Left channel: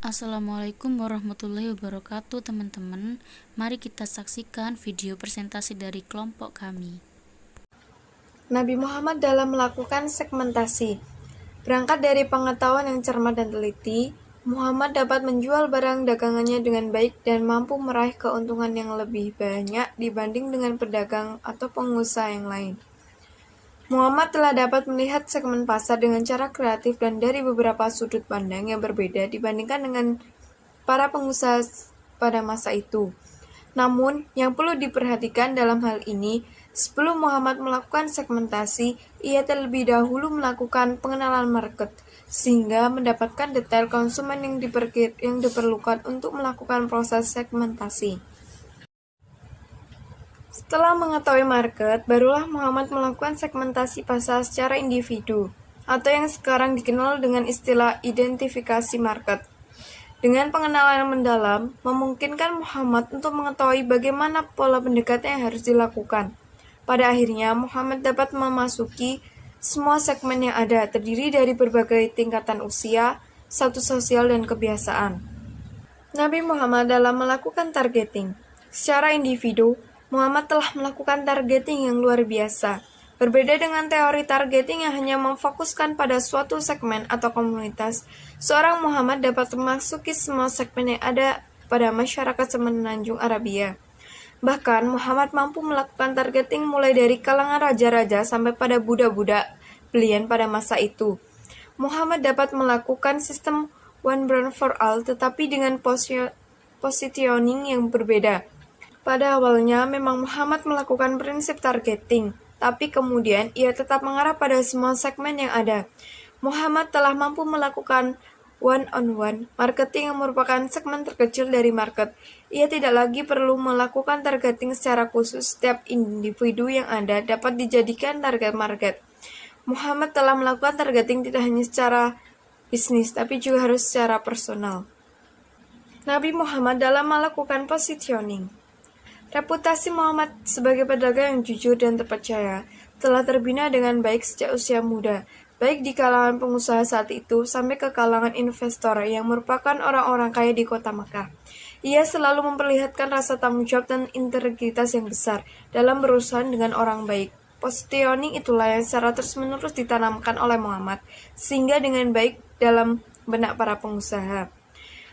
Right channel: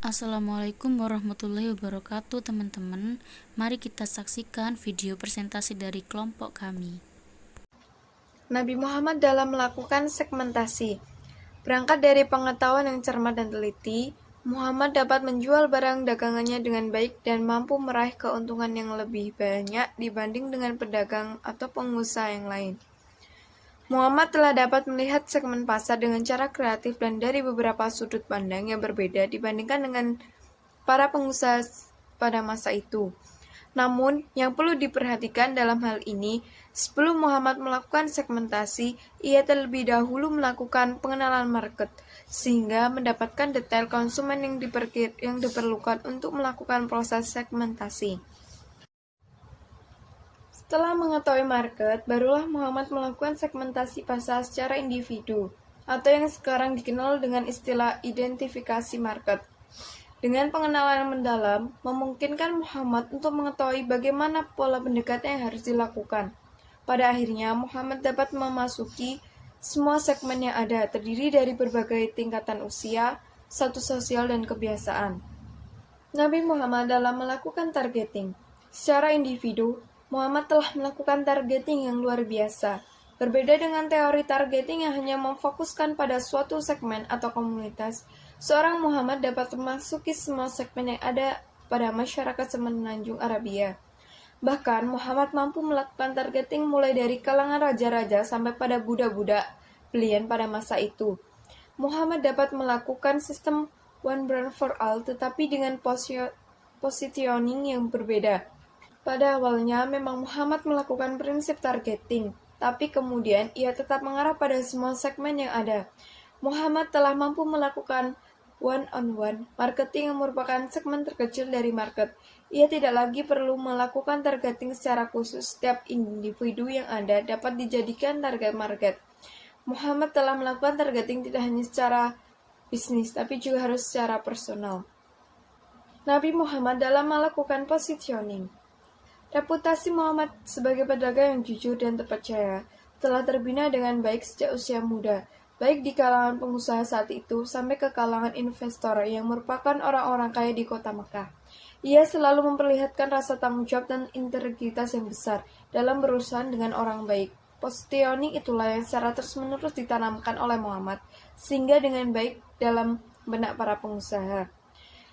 Assalamualaikum warahmatullahi wabarakatuh teman-teman. Mari kita saksikan video presentasi dari kelompok kami. Nabi Muhammad dalam melakukan segmentasi. Berangkat dari pengetahuan yang cermat dan teliti, Muhammad dapat menjual barang dagangannya dengan baik dan mampu meraih keuntungan yang lebih banyak dibanding dengan pedagang atau pengusaha yang lain. Muhammad telah dapat melihat segmen pasar dengan cara kreatif dan dari beberapa sudut pandang yang berbeda dibandingkan dengan para pengusaha pada masa itu. Namun, yang perlu diperhatikan dalam hal ini, sebelum Muhammad melakukan segmentasi, ia terlebih dahulu melakukan pengenalan market, sehingga mendapatkan detail konsumen yang diperlukan untuk melakukan proses segmentasi. Setelah mengetahui market, barulah Muhammad melakukan segmentasi pasar secara individu, atau yang sekarang dikenal dengan istilah identifikasi market. Dengan pengenalan yang mendalam, memungkinkan Muhammad untuk mengetahui bagaimana pola pendekatan yang harus dilakukan. Pada akhirnya, Muhammad dapat memasuki semua segmen yang ada, terdiri dari berbagai tingkatan usia, status sosial, dan kebiasaan. Nabi Muhammad dalam melakukan targeting. Secara individu, Muhammad telah melakukan targeting yang luar biasa. Berbeda dengan teori targeting yang hanya memfokuskan pada suatu segmen atau komunitas, seorang Muhammad dapat memasuki semua segmen yang ada pada masyarakat semenanjung Arabia. Bahkan, Muhammad mampu melakukan targeting mulai dari kalangan raja-raja sampai pada budak-budak belian pada masa itu. Muhammad dapat melakukan sistem one brand for all tetapi dengan positioning yang berbeda. Pada awalnya memang Muhammad melakukan prinsip targeting, tapi kemudian ia tetap mengarah pada semua segmen yang ada. Muhammad telah mampu melakukan one-on-one marketing yang merupakan segmen terkecil dari market. Ia tidak lagi perlu melakukan targeting secara khusus. Setiap individu yang ada dapat dijadikan target market. Muhammad telah melakukan targeting tidak hanya secara bisnis, tapi juga harus secara personal. Nabi Muhammad dalam melakukan positioning. Reputasi Muhammad sebagai pedagang yang jujur dan terpercaya telah terbina dengan baik sejak usia muda, baik di kalangan pengusaha saat itu sampai ke kalangan investor yang merupakan orang-orang kaya di kota Makkah. Ia selalu memperlihatkan rasa tanggung jawab dan integritas yang besar dalam berurusan dengan orang baik. Positioning itulah yang secara terus-menerus ditanamkan oleh Muhammad, sehingga dengan baik dalam benak para pengusaha.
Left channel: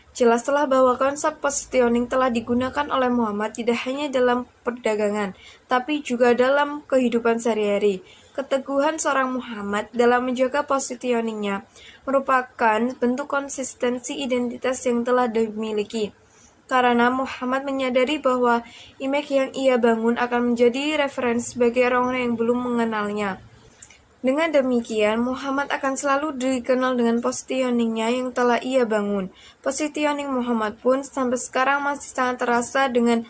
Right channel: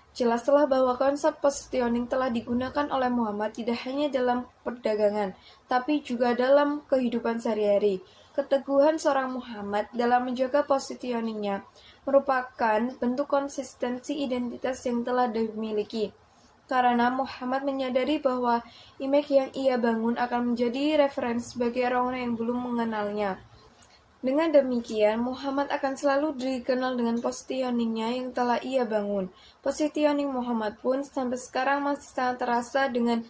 Jelaslah bahwa konsep positioning telah digunakan oleh Muhammad tidak hanya dalam perdagangan, tapi juga dalam kehidupan sehari-hari. Keteguhan seorang Muhammad dalam menjaga positioningnya merupakan bentuk konsistensi identitas yang telah dimiliki. Karena Muhammad menyadari bahwa image yang ia bangun akan menjadi referensi bagi orang-orang yang belum mengenalnya. Dengan demikian, Muhammad akan selalu dikenal dengan positioningnya yang telah ia bangun. Positioning Muhammad pun sampai sekarang masih sangat terasa dengan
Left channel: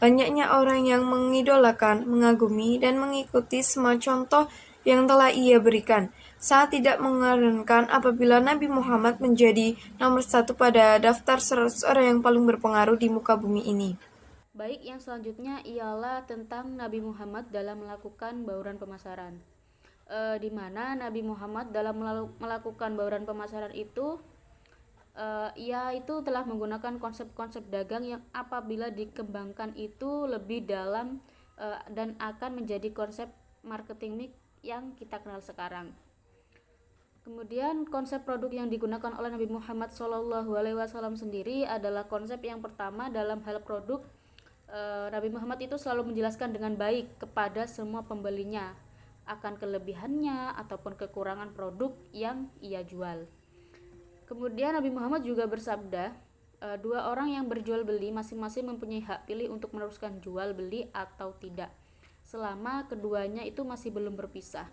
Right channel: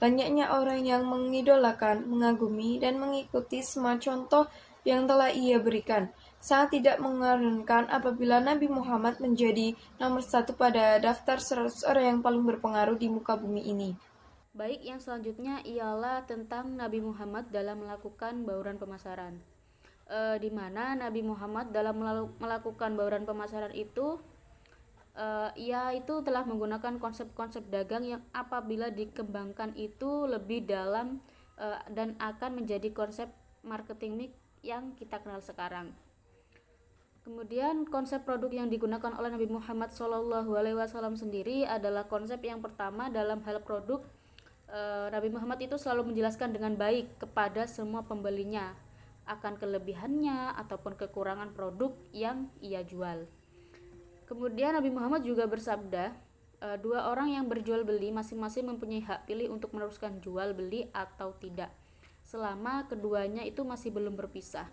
banyaknya orang yang mengidolakan, mengagumi, dan mengikuti semua contoh yang telah ia berikan. Sangat tidak mengherankan apabila Nabi Muhammad menjadi nomor satu pada daftar 100 orang yang paling berpengaruh di muka bumi ini. Baik, yang selanjutnya ialah tentang Nabi Muhammad dalam melakukan bauran pemasaran. Di mana Nabi Muhammad dalam melakukan bauran pemasaran itu ia itu telah menggunakan konsep-konsep dagang yang apabila dikembangkan itu lebih dalam dan akan menjadi konsep marketing mix yang kita kenal sekarang. Kemudian konsep produk yang digunakan oleh Nabi Muhammad SAW sendiri adalah konsep yang pertama dalam hal produk. Nabi Muhammad itu selalu menjelaskan dengan baik kepada semua pembelinya akan kelebihannya ataupun kekurangan produk yang ia jual. Kemudian Nabi Muhammad juga bersabda, dua orang yang berjual beli masing-masing mempunyai hak pilih untuk meneruskan jual beli atau tidak, selama keduanya itu masih belum berpisah.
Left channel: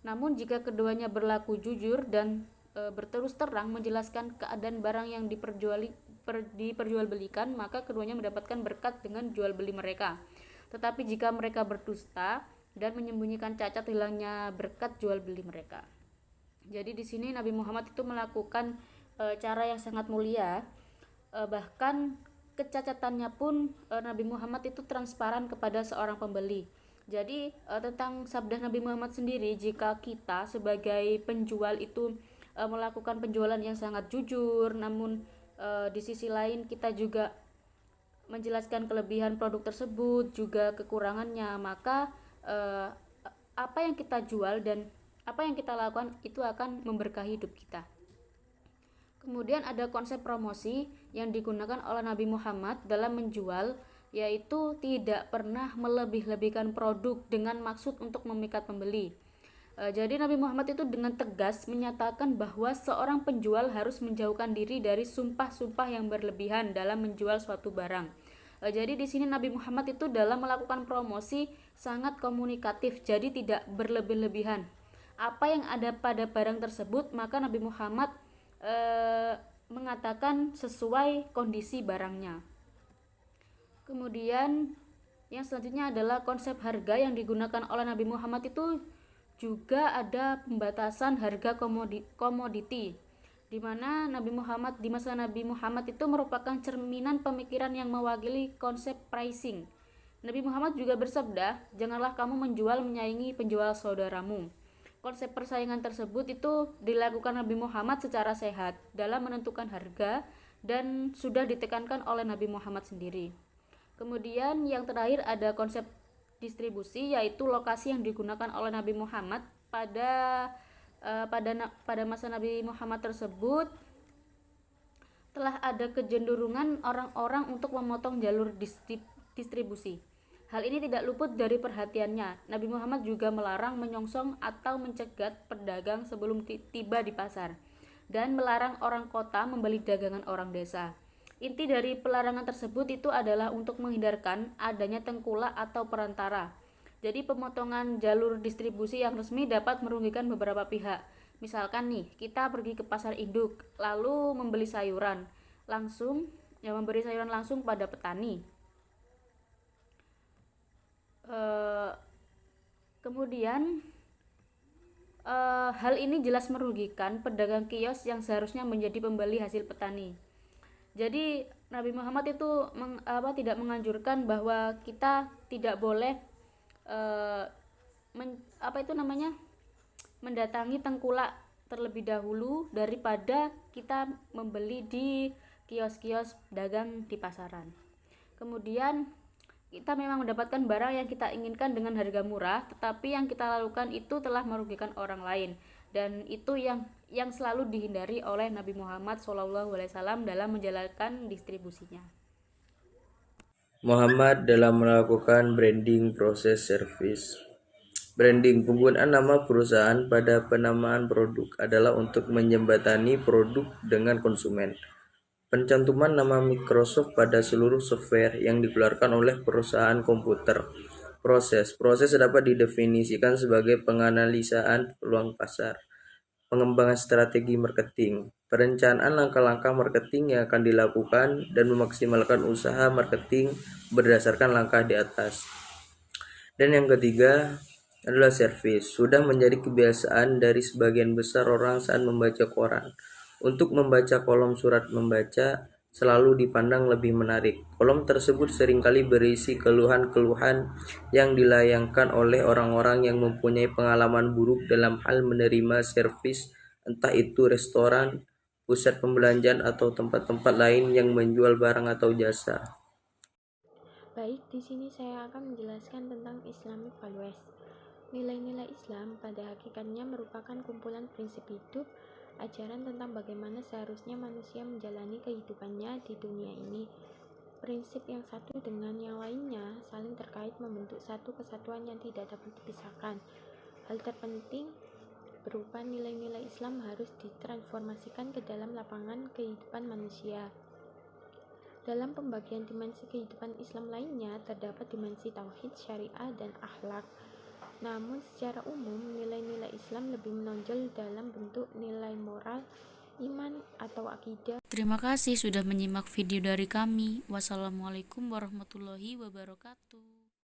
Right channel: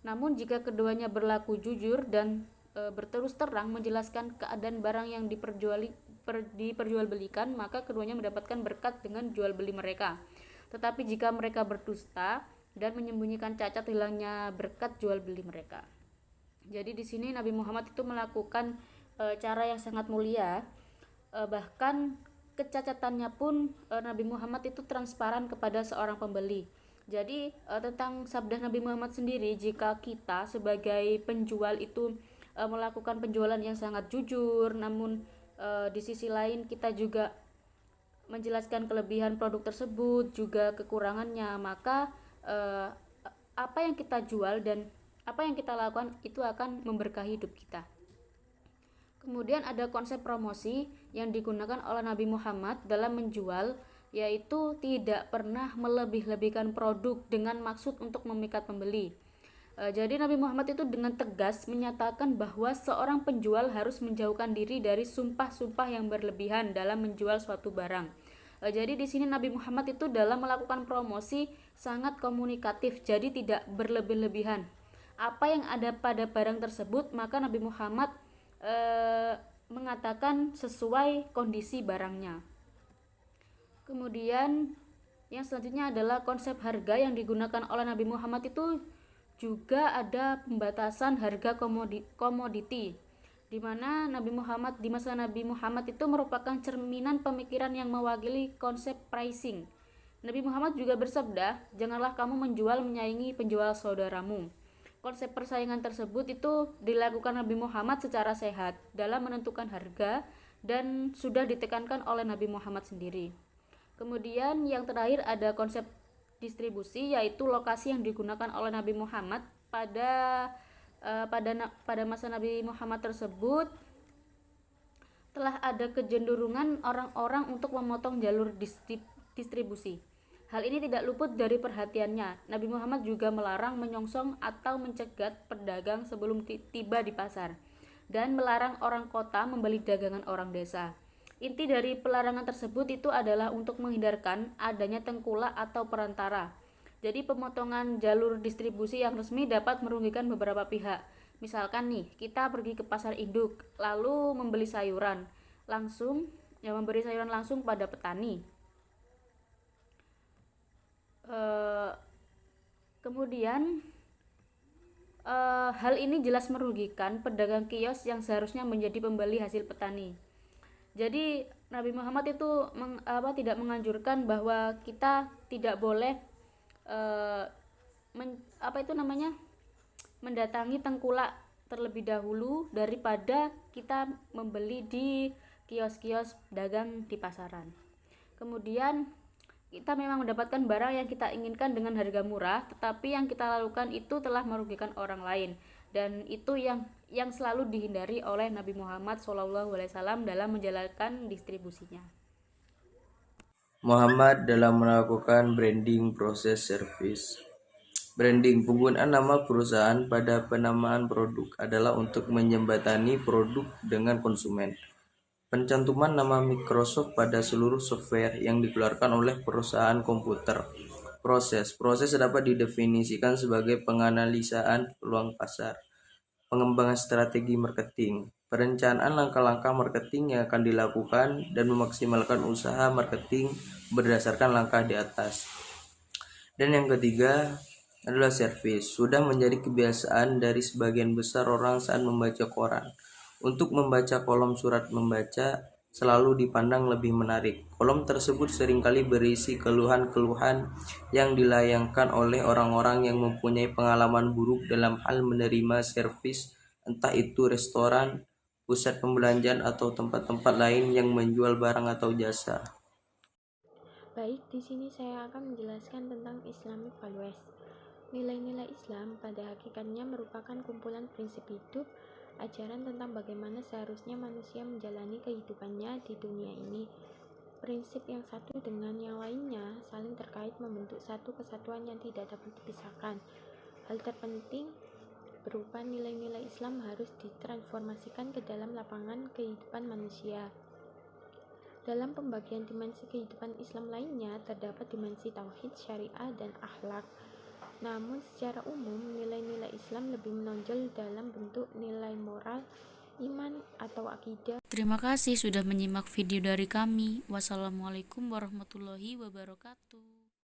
Namun jika keduanya berlaku jujur dan berterus terang menjelaskan keadaan barang yang diperjualbelikan, maka keduanya mendapatkan berkat dengan jual beli mereka. Tetapi jika mereka berdusta dan menyembunyikan cacat, hilangnya berkat jual beli mereka. Jadi di sini Nabi Muhammad itu melakukan cara yang sangat mulia, bahkan kecacatannya pun Nabi Muhammad itu transparan kepada seorang pembeli. Jadi tentang sabda Nabi Muhammad sendiri, jika kita sebagai penjual itu melakukan penjualan yang sangat jujur, namun Di sisi lain kita juga menjelaskan kelebihan produk tersebut juga kekurangannya, maka apa yang kita jual dan apa yang kita lakukan itu akan memberkahi hidup kita. Kemudian ada konsep promosi yang digunakan oleh Nabi Muhammad dalam menjual, yaitu tidak pernah melebih-lebihkan produk dengan maksud untuk memikat pembeli. Jadi Nabi Muhammad itu dengan tegas menyatakan bahwa seorang penjual harus menjauhkan diri dari sumpah-sumpah yang berlebihan dalam menjual suatu barang. Jadi di sini Nabi Muhammad itu dalam melakukan promosi sangat komunikatif, jadi tidak berlebih-lebihan. Apa yang ada pada barang tersebut maka Nabi Muhammad mengatakan sesuai kondisi barangnya. Kemudian yang selanjutnya adalah konsep harga yang digunakan oleh Nabi Muhammad itu juga ada pembatasan harga komoditi, di mana di masa Nabi Muhammad itu merupakan cerminan pemikiran yang mewakili konsep pricing. Nabi Muhammad juga bersabda, "Janganlah kamu menjual menyaingi penjual saudaramu." Konsep persaingan tersebut itu dilakukan Nabi Muhammad secara sehat dalam menentukan harga dan sudah ditekankan oleh Nabi Muhammad sendiri. Kemudian yang terakhir ada konsep distribusi, yaitu lokasi yang digunakan oleh Nabi Muhammad pada masa Nabi Muhammad tersebut telah ada kecenderungan orang-orang untuk memotong jalur distribusi. Hal ini tidak luput dari perhatiannya. Nabi Muhammad juga melarang menyongsong atau mencegat pedagang sebelum tiba di pasar, dan melarang orang kota membeli dagangan orang desa. Inti dari pelarangan tersebut itu adalah untuk menghindarkan adanya tengkulak atau perantara. Jadi pemotongan jalur distribusi yang resmi dapat merugikan beberapa pihak. Misalkan nih, kita pergi ke pasar induk, lalu membeli sayuran langsung pada petani. Kemudian hal ini jelas merugikan pedagang kios yang seharusnya menjadi pembeli hasil petani. Jadi Nabi Muhammad itu tidak menganjurkan bahwa kita tidak boleh mendatangi tengkulak terlebih dahulu daripada kita membeli di kios-kios dagang di pasaran. Kemudian kita memang mendapatkan barang yang kita inginkan dengan harga murah, tetapi yang kita lakukan itu telah merugikan orang lain, dan itu yang selalu dihindari oleh Nabi Muhammad SAW dalam menjalankan distribusinya. Muhammad dalam melakukan branding proses service. Branding, penggunaan nama perusahaan pada penamaan produk adalah untuk menjembatani produk dengan konsumen. Pencantuman nama Microsoft pada seluruh software yang dikeluarkan oleh perusahaan komputer. Proses dapat didefinisikan sebagai penganalisaan peluang pasar, pengembangan strategi marketing, perencanaan langkah-langkah marketing yang akan dilakukan, dan memaksimalkan usaha marketing berdasarkan langkah di atas. Dan yang ketiga adalah service. Sudah menjadi kebiasaan dari sebagian besar orang saat membaca koran. Untuk membaca kolom surat membaca selalu dipandang lebih menarik. Kolom tersebut seringkali berisi keluhan-keluhan yang dilayangkan oleh orang-orang yang mempunyai pengalaman buruk dalam hal menerima servis, entah itu restoran, pusat pembelanjaan, atau tempat-tempat lain yang menjual barang atau jasa. Baik, di sini saya akan menjelaskan tentang Islamic values. Nilai-nilai Islam pada hakikatnya merupakan kumpulan prinsip hidup, ajaran tentang bagaimana seharusnya manusia menjalani kehidupannya di dunia ini. Prinsip yang satu dengan yang lainnya saling terkait membentuk satu kesatuan yang tidak dapat dipisahkan. Hal terpenting berupa nilai-nilai Islam harus ditransformasikan ke dalam lapangan kehidupan manusia. Dalam pembagian dimensi kehidupan Islam lainnya terdapat dimensi tauhid, syariah, dan akhlak. Namun secara umum nilai-nilai Islam lebih menonjol dalam bentuk nilai moral, iman, atau akidah. Terima kasih sudah menyimak video dari kami. Wassalamualaikum warahmatullahi wabarakatuh.